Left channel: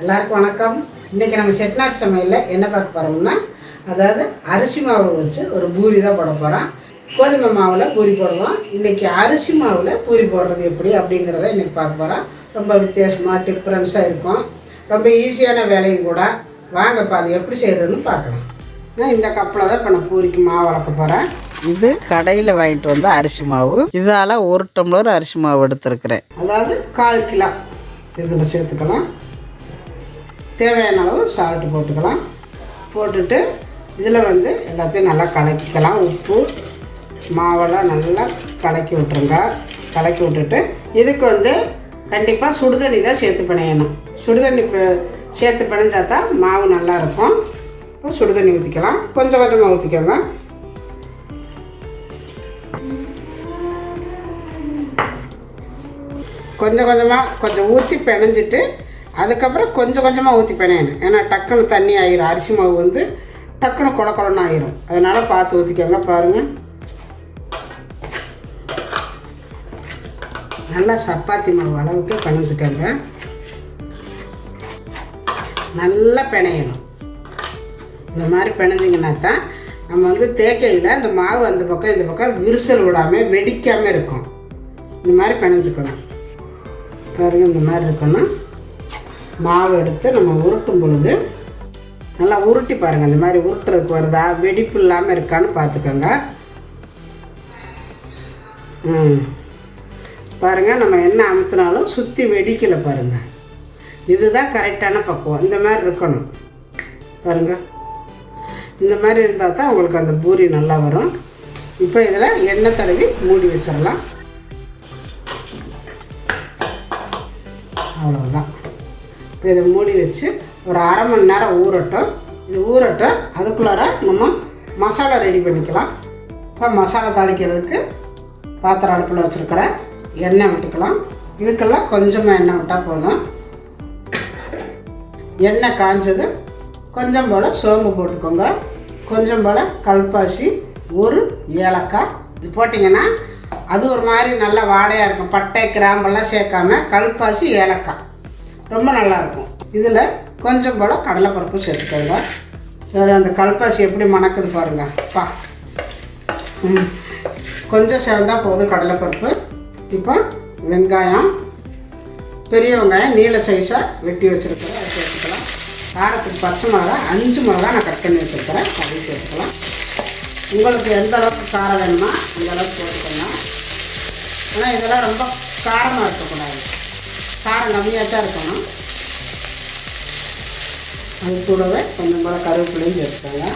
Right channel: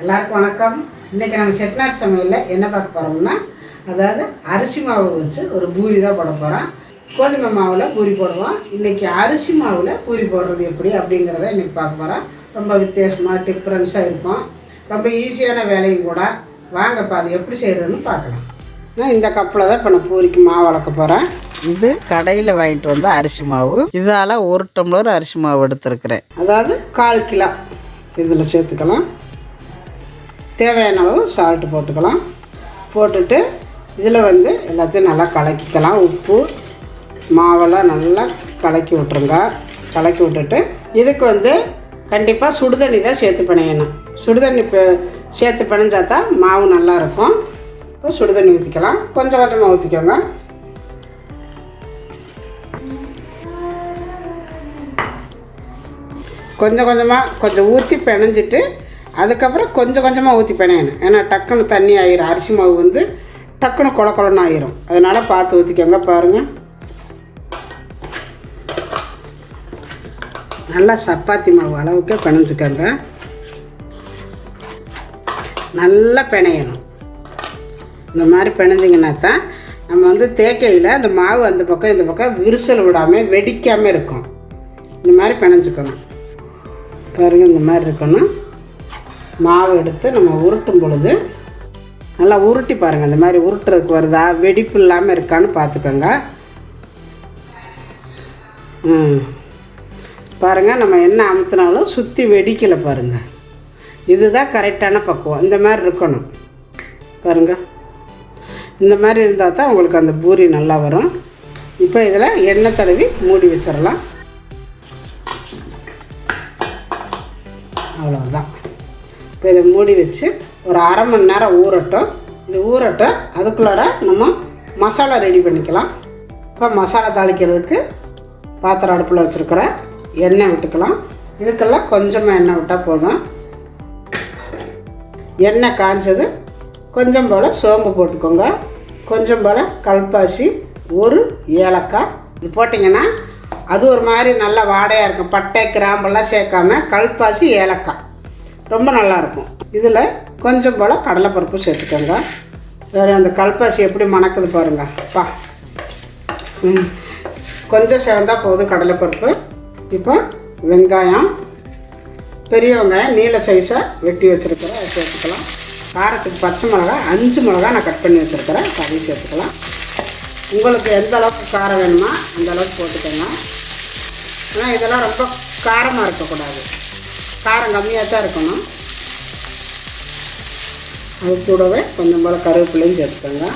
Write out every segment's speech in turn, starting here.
எல்லாருக்கும் வணக்கம். இன்றைக்கி நம்ம செட்டிநாடு சமையலில் என்ன பார்க்க போகிறோம்னா, அதாவது அரிசி மாவு வச்சு ஒரு பூரி தான் போட போகிறோம். கோதுமை மாவில் பூரி போடுவோம். இன்றைக்கி அரிசி மாவில் பூரி போடுறது எப்படி அப்படிங்கிறத இன்றைக்கி பார்க்க போகிறோம். ரொம்ப வித்தியாசமாக டிஃப்ரென்ஸாக இருக்கும். ரொம்ப ஈஸியான வேலையும் கூட. வாங்கப்பா அது எப்படி செய்கிறதுன்னு பார்க்கலாம். இந்த கப்பில் தான் இப்போ நான் பூரிக்கு மாவு வளர்க்க போகிறேன். இது கடையில் வாங்கிட்டு வந்த அரிசி மாவு. இதால் 1 டம்ளர் அரிசி மாவு எடுத்துருக்கிறேன். அதாவது 1/4 கிலோ இதில் சேர்த்துக்கலாம். தேவையான அளவு சால்ட்டு போட்டுக்கலாம். போட்டுட்டு இதில் எல்லாத்தையும் நல்லா கலக்கிக்கலாம். உப்பு மாவெல்லாம் நல்லா கலக்கி விட்ருங்க. கலக்கி விட்டுட்டு இதுக்கு கண்டிப்பாக சுடுதண்ணி தான் சேர்த்து பிணையணும். சுடுதண்ணி சேர்த்து பிணைஞ்சா தான் மாவு நல்லாயிருக்கும். இப்போ சுடுதண்ணி ஊற்றிக்கலாம். கொஞ்சம் கொஞ்சமாக ஊற்றிக்கோங்க. கொஞ்சம் ஊற்றி பிணைஞ்சிட்டு அதுக்கப்புறம் கொஞ்சம் கொஞ்சமாக ஊற்றி பிணையணும். ஏன்னா டக்குன்னு தண்ணி ஆயிரும். அரிசி மாவு டக்குன்னு குழன்னு ஆயிரும். அதனால் பார்த்து ஊற்றிக்கோங்க. பாருங்கள், நல்லா சப்பாத்தி மாவு அளவுக்கு பிணைஞ்சிக்கோங்க. நல்லா பிணையணும். இந்த மாதிரி பிணைஞ்சிங்கன்னா தான் நம்ம தேக்கையில் அந்த மாவு அந்த பக்கம் இந்த பக்கம் விரிசல் விடாமல் வெடிக்காமல் இருக்கும். இந்த மாதிரி பிணைஞ்சிக்கணும். பாருங்கள், இந்த மாதிரி இருக்கணும். மாவு எடுத்து நம்ம உருட்டும் பொழுது நல்லா உருட்டி பாருங்கள். இந்த மாதிரி உருட்டுறதுக்கு வருதா, வெடிப்பு இல்லாமல் இருக்கான்னு பார்த்துக்கோங்க. பாருங்கள், நம்ம என்ன அமுத்தினாலும் சுற்றி வெடிக்கலை. பாருங்கள், இதுதான் கரெக்டான பக்குவம். இந்த மாதிரி இருக்கணும். பாருங்கள், இந்த மாதிரி இருந்தால் தான் உங்களுக்கு அந்த பூரி நல்லா வரும். இப்போ இதில் எண்ணெய் தடவி மூடி வச்சிடலாம். அவ்வளோதான். இப்போ இதை மூடி வச்சு ஒரு 1/2 மணி நேரம் ஊறட்டும். இது ஊறட்டும். அதுக்குள்ளார நம்ம மசாலா ரெடி பண்ணிக்கலாம். இப்போ மசாலா தாளிக்கிறதுக்கு பாத்திரம் அடுப்பில் வச்சுருக்கிறேன். எண்ணெய் விட்டுக்கலாம். இதுக்கெல்லாம் கொஞ்சமாக எண்ணெய் விட்டால் போதும். எண்ணெய் காஞ்சது கொஞ்சம் போல் சோம்பு போட்டுக்கோங்க. கொஞ்சம் போல் கல்பாசி, 1 ஏலக்காய். இது போட்டிங்கன்னா அது ஒரு மாதிரி நல்லா வாடையாக இருக்கும். பட்டை கிராம்பெல்லாம் சேர்க்காம கல்பாசி ஏலக்காய் ரொம்ப நல்லாயிருக்கும். இதில் கொஞ்சம் போல் கடலைப்பருப்பு சேர்த்துக்கோங்க. வேறு அந்த கல்பாசி எப்படி மணக்குது பாருங்கள். கொஞ்சம் செவந்தால் போதும் கடலைப்பருப்பு. இப்போ வெங்காயம், பெரிய வெங்காயம் நீல சைஸாக வெட்டி வச்சுருக்கிறேன். அதை சேர்த்துக்கலாம். காரத்துக்கு பச்சை மிளகா 5 மிளகா நான் கட் பண்ணி வச்சுருக்கிறேன். அதையும் சேர்த்துக்கலாம். உங்களுக்கு எந்த அளவுக்கு காரம் வேணுமோ அந்த அளவுக்கு போட்டுக்கோங்க. ஆனால் இதெல்லாம் ரொம்ப காரமாக இருக்கக்கூடாது. காரம் கம்மியாக தான் இருக்கணும். அது கூடவே கொஞ்சம் போல் கருவேப்பிலையும் சேர்த்துக்கோங்க.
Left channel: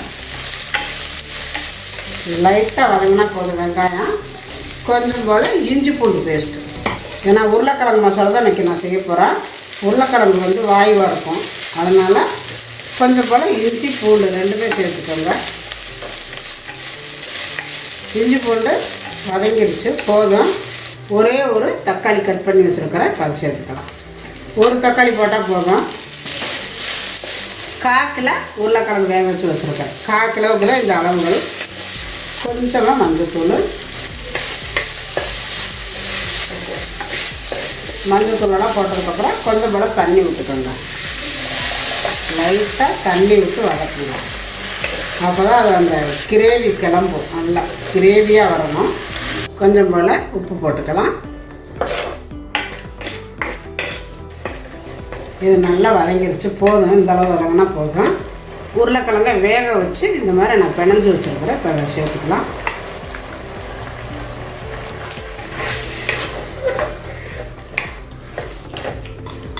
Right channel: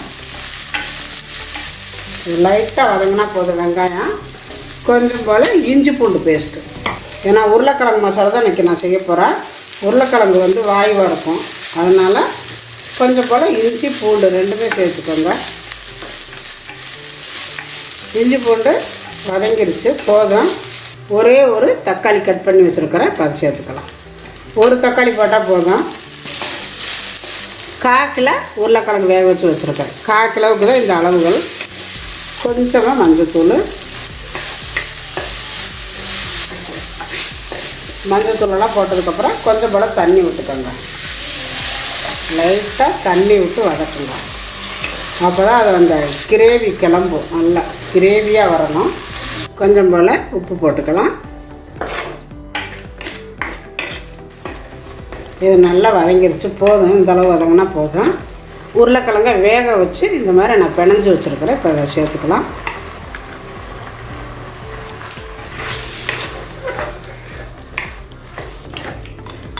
லைட்டாக வதங்கினா போதும் வெங்காயம். கொஞ்சம் போல் இஞ்சி பூண்டு பேஸ்ட்டு. ஏன்னா உருளைக்கிழங்கு மசாலா தான் இன்றைக்கி நான் செய்ய போகிறேன். உருளைக்கிழங்கு வாய்வாக இருக்கும். அதனால் கொஞ்சம் போல் இஞ்சி பூண்டு 2மே சேர்த்துக்கோங்க. இஞ்சி பூண்டு வதங்கிடுச்சு, போதும். ஒரே ஒரு தக்காளி கட் பண்ணி வச்சுருக்கிறேன். இப்போ அதை சேர்த்துக்கலாம். ஒரு தக்காளி போட்டால் போதும். 1/4 கிலோ உருளைக்கிழங்கு வேக வச்சு வச்சுருக்கிறேன். 1/4 கிலோவுக்கு தான் இந்த அளவுகள். கொஞ்சமாக மஞ்சத்தூள் மஞ்சத்தூளெல்லாம் போட்டதுக்கப்புறம் கொஞ்சம் போல் தண்ணி விட்டுக்கோங்க. லைட்டாக தண்ணி விட்டு வதக்குங்க. அப்போ தான் அது அந்த கிரேவி கிளம்பும். நல்லா கிரேவியாக வரணும். கொஞ்சம் போல் உப்பு போட்டுக்கலாம். இது நல்லா வதங்கிடுச்சு, போதும். இந்தளவு வதங்கினா போதும். உருளைக்கிழங்கை வேக வச்சு இந்த மாதிரி நான் பிணைஞ்சி வச்சுருக்கிறேன். இப்போ அதை சேர்த்துக்கலாம்.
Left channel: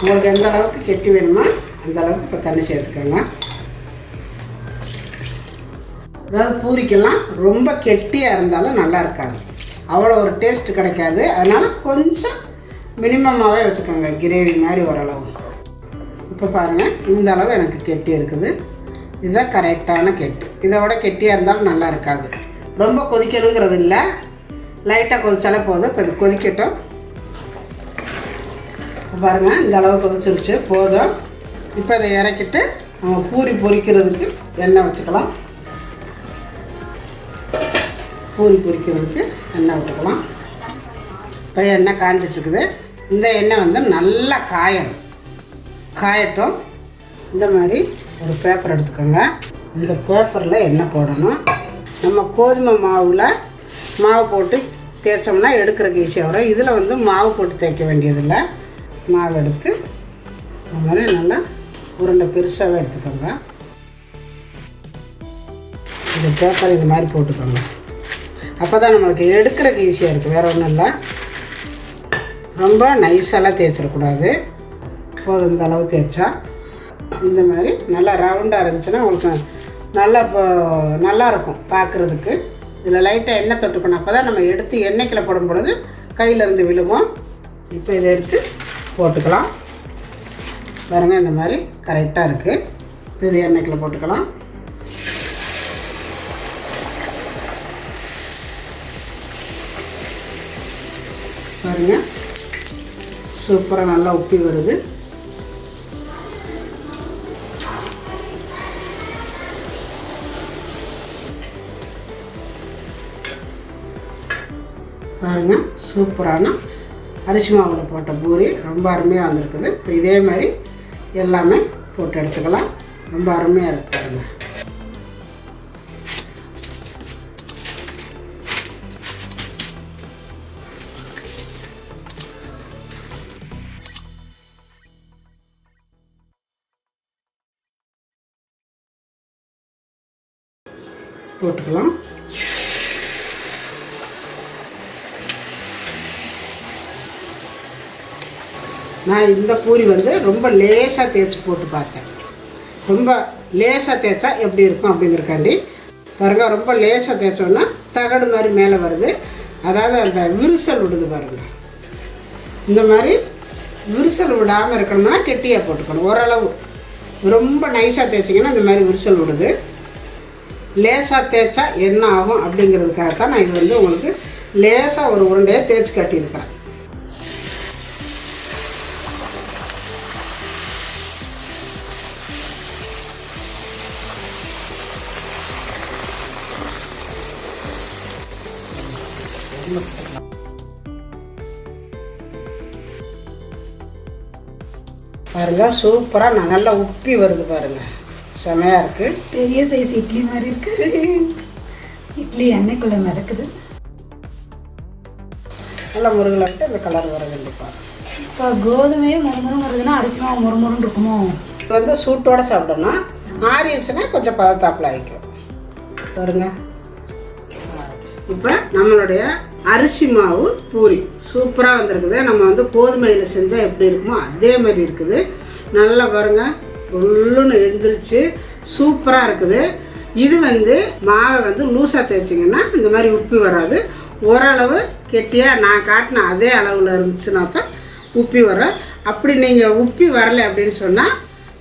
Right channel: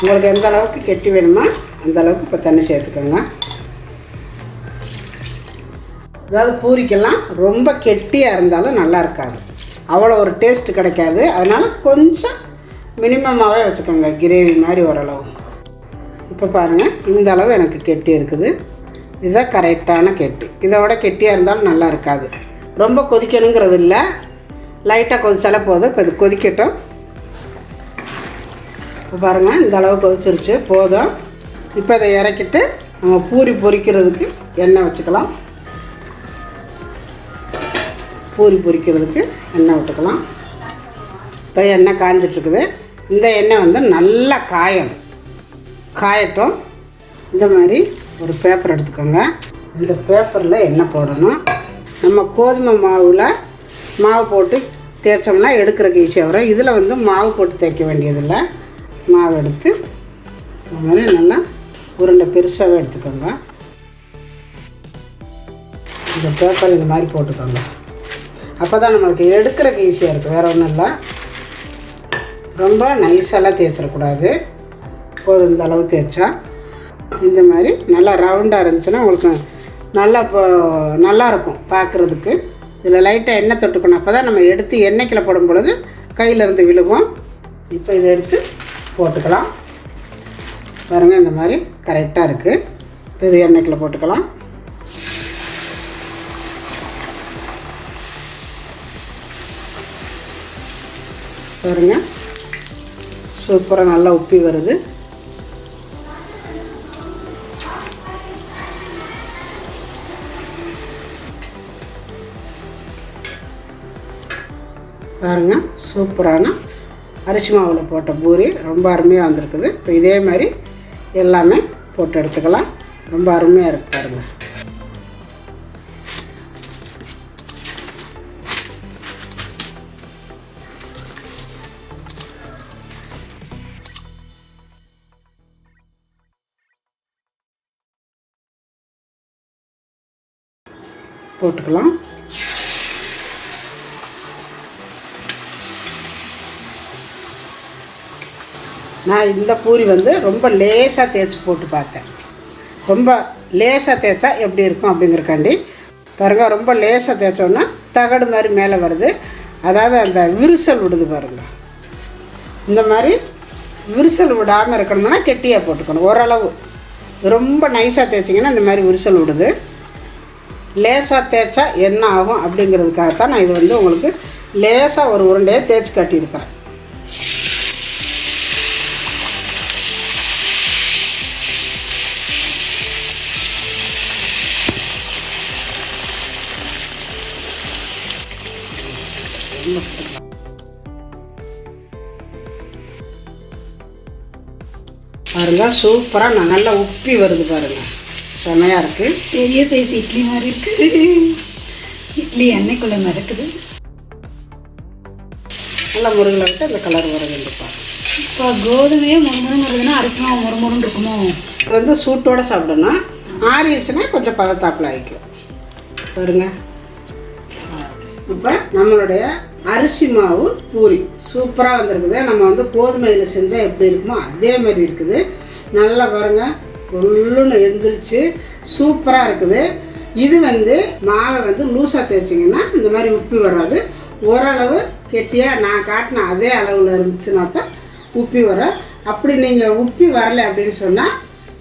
உங்களுக்கு எந்த அளவுக்கு கெட்டி வேணுமோ அந்த அளவுக்கு இப்போ தண்ணி சேர்த்துக்கோங்க. அதாவது பூரிக்கெல்லாம் ரொம்ப கெட்டியாக இருந்தாலும் நல்லா இருக்காது, அவ்வளோ ஒரு டேஸ்ட்டு கிடைக்காது. அதனால் கொஞ்சம் மினிமமாகவே வச்சுக்கோங்க, கிரேவி மாதிரி ஓரளவு. இப்போ பாருங்கள், இந்த அளவு எனக்கு கெட்டி இருக்குது. இதுதான் கரெக்டான கெட்டி. இதோட கெட்டியாக இருந்தாலும் நல்லா இருக்காது. ரொம்ப கொதிக்கணுங்கிறது இல்லை, லைட்டாக கொதிச்சாலே போதும். இப்போ இது கொதிக்கட்டும். இப்போ பாருங்கள், இந்த அளவு கொதிச்சிருச்சு, போதும். இப்போ இதை இறக்கிட்டு நம்ம பூரி பொரிக்கிறதுக்கு எண்ணெய் வச்சுக்கலாம். பூரி பொரிக்கிறதுக்கு எண்ணெய் விட்டுக்கலாம். இப்போ எண்ணெய் காஞ்சிட்ருக்குது. இந்த எண்ணெய் நல்லா காயட்டும். இந்த மாதிரி ஒரு பேப்பர் எடுத்துக்கோங்க. இந்த பேப்பரில் எண்ணெய் போடணும். நம்ம கோதுமை மாவில் மாவு போட்டு தேய்ச்சோம்னா எடுக்கிறதுக்கு ஈஸியாக வரும். இதில் வந்து மாவு போட்டு தேய்க்க வேண்டியதில்லை. மாவு எடுத்து இந்த மாதிரி நல்லா உருண்டை பெருசாகவே எடுத்துக்கோங்க. இந்த பேப்பர் இந்த மாதிரி போட்டுக்கோங்க. அப்போ தான் நம்மளுக்கு எடுக்கிறதுக்கு ஈஸியாக இருக்குது. வேறு ஒன்றும் இல்லை. ரொம்ப நைஸெல்லாம் தேய்ச்சிடக்கூடாது. போதும் இந்த அளவு தேய்ச்சா. இந்த மாதிரி நல்லா ரவுண்டாக இருந்துச்சுன்னா உங்களுக்கு நல்லாயிருக்கும் பார்க்குறதுக்கு. இதில் லைட்டாக எண்ணெய் தொட்டுக்கணும். அப்போ தான் நம்ம எடுத்து எண்ணெய்க்கில் போடும் பொழுது கையிலேருந்து விழுகும். இப்போ இதை எடுத்து போட்டுக்கலாம். பாருங்கள், இந்த மாதிரி கரெக்டாக இருக்குது. இப்போ இது எண்ணெய்க்கில் போட்டுக்கலாம். பாருங்கள், சூப்பராக நல்லா உப்பி வருது. பாருங்கள், சூப்பரான அரிசி மாவில் போட்ட பூரி ரொம்ப அருமையாக வந்திருக்குது. இப்போ இதே மாதிரி எல்லாமே போட்டு எடுத்துக்கலாம். ரொம்ப அருமையாக இருக்குது பாருங்கள். போட்டுக்கலாம். நான் இந்த பூரி வந்து ரொம்ப லேசாக தேய்ச்சி போட்டு பார்த்தேன். ரொம்ப லேசாக தேய்ச்சா எப்படி இருக்கும் அப்படிங்கிறக்காண்டி பாருங்கள். ரொம்ப லேசாக தேய்ச்சோன்னா தகடு மாதிரி மேலே வருது. அதாவது அந்த விரிசல் விடுது பாருங்கள். இந்த மாதிரி விரிசல் விடாமல் இருக்கணும்னா கெட்டியாக போட்டுக்கணும். ஓரளவு ரொம்ப நைஸாக தேய்ச்சிங்கன்னா இந்த மாதிரி விரிசல் விடுது. லேசாக தேய்ச்சா என்ன ஆகும் அப்படிங்கிறதுக்காகத்தான் நான் இது வந்து உங்களுக்கு லேசாக ஒரு உருண்டையாக தேய்ச்சி காட்டியிருக்கிறேன். பாருங்க, சூப்பராக நான் நல்லா உப்பி வருது பாருங்க. செமையாக இருக்குது. பெரிய சைஸ் இட்லி மாதிரி இருக்குது. இட்லி எண்ணெய்க்குள்ளே மிதக்குது. நல்லா முருகலை விட்டு அந்த கலர் வர வேண்டும் பாருங்க. இப்போ கோதுமையே முறுமுறுன்னு வருதுன்னா அரிசி மாவு முறுமுறுன்னு இருக்குமோ? இது வந்து சூட்டோடு சாப்பிடணும். ஆறிடுச்சுன்னா கொஞ்சம் பதத்தாப்பில் ஆகிக்கும் பாருங்க. இப்போ நம்மளுடைய அரிசி மாவு பூரி சூப்பராக வந்திருக்குது. நம்ம வந்து கோதுமையில் செஞ்சால் எப்படி இருக்குமோ அதே மாதிரி இருக்குது. நல்லா பாருங்கள், உள்ளுன்னு எந்திரிச்சு சூப்பராக இருக்குது. இது வந்து மாவை வந்து லூஸாக தேய்ச்சிங்கன்னா இந்த மாதிரி உப்பி வராது. ஓரளவு கெட்டியாக நான் காட்டின அதே அளவில் இருந்துச்சுன்னா தான் உப்பி வரும். அப்படி நீங்கள் உப்பி வரலை அப்படின்னு சொன்னால்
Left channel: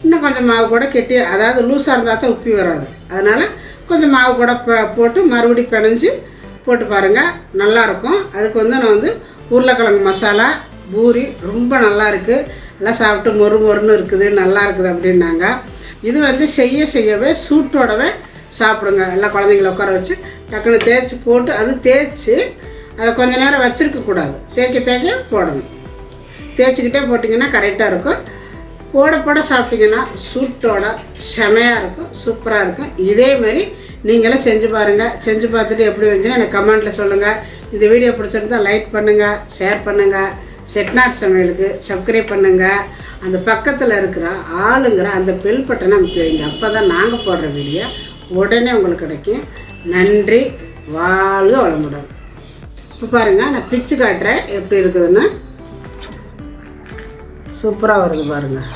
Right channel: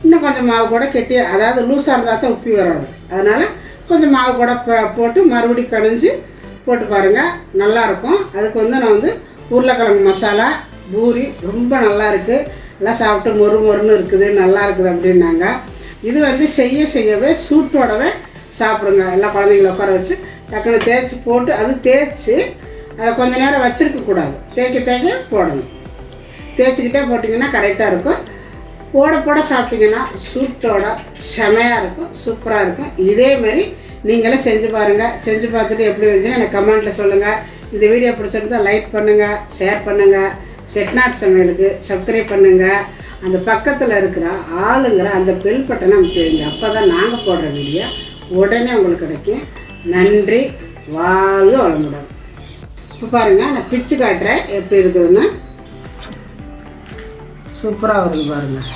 இன்னும் கொஞ்சம் மாவு கூட கெட்டியாக, அதாவது லூஸாக இருந்தால் தான் உப்பி வராது. அதனால் கொஞ்சம் மாவு கூட போட்டு மறுபடியும் பிணைஞ்சு போட்டு பாருங்கள், நல்லாயிருக்கும். அதுக்கு வந்து நான் வந்து உருளைக்கிழங்கு மசாலா பூரி ரொம்ப நல்லா இருக்குது. எல்லாம் சாப்பிட்டு மொறு மொறுன்னு இருக்குது, நல்லா இருக்குது அப்படின்னாங்க. இது வந்து செய்யவே சூட்டோடவே சாப்பிடுங்க. எல்லாம் குழந்தைங்கள உட்கார வச்சு டக்குன்னு தேய்ச்சி போட்டு, அது தேய்ச்சி அதை கொஞ்சம் நேரம் வச்சுருக்கக்கூடாது. தேய்க்க போடணும். தேய்ச்சிக்கிட்டே போட்டிங்கன்னா கரெக்டாக இருக்கும். போட சாப்பிட்டிங்கன்னா சூட்டோட செமையாக இருக்கும், சூப்பராக இருக்கும். இதேமாரி நீங்களும் செஞ்சு பாருங்கள். செஞ்சு பார்த்துட்டு எப்படி வந்துச்சுன்னா எனக்கு கமெண்ட்டில் சொல்லுங்கள். இந்த வீடியோ பிடிச்சிருந்தால் லைக் பண்ணுங்கள், ஷேர் பண்ணுங்கள். செட்நாட் சமையலுக்கு சப்ஸ்கிரைப் பண்ணுங்கள். அந்த பக்கத்தில் இருக்கிற ஆளுங்கிற அந்த பெல் பட்டனை அமைத்து வைங்க. அப்போ தான் நாங்கள் போடுற வீடியோ உடனே உங்களுக்கு கிடைக்கும். நன்றி, வாழ்க வளமுடன். இப்போ பாருங்கள், நான் பிச்சு காட்டுறேன் எப்படி இருக்குதுன்னு. சூப்பராக வருது பாருங்கள்.